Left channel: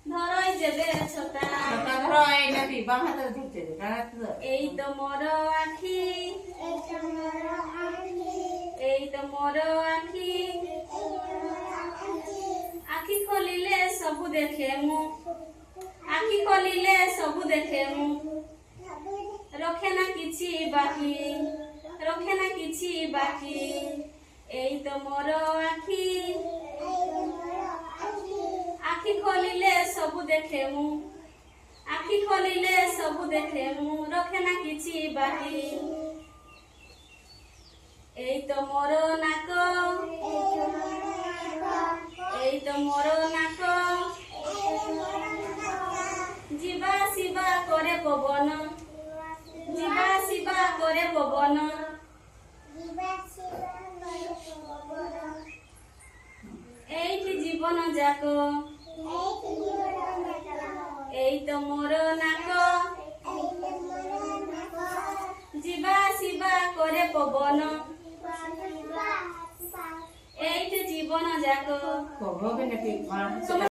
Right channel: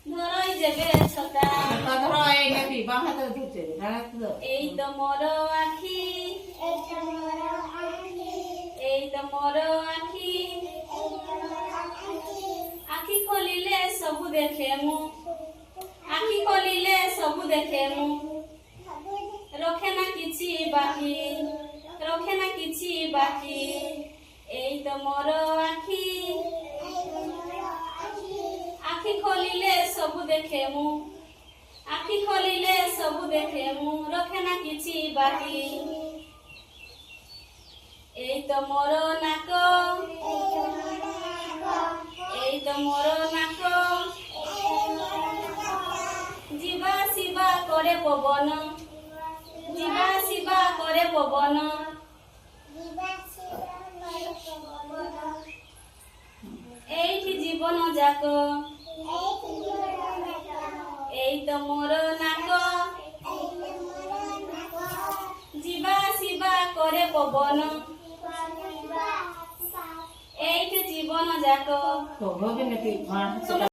ধরই যেবে ছটা ধরো এইটা কি বাম হাতে ধরছে ডান হাতে ধর এই তো মোর আখি এই তো মোর আখি আখি খোলিলে ସବୁ দেখে মু আখি খোলিলে ସବୁ দেখে মু রখে না কিছু বাকি রখে না কিছু বাকি এই তো মোর আখি আখি খোলিলে ସବୁ দেখে মু আখি খোলিলে ସବୁ দেখে মু রখে না কিছু বাকি এই তো মোর নাক এই তো মোর নাক ଯିବା ଆସିବା করে পবন ଯିବା ଆସିବା করে পবন এইটি জীবন যাক এই তো মোর নাক ଯିବା ଆସିବା করে পবন এইটি জীবন যাক তো হবে নাকি বাম হাতে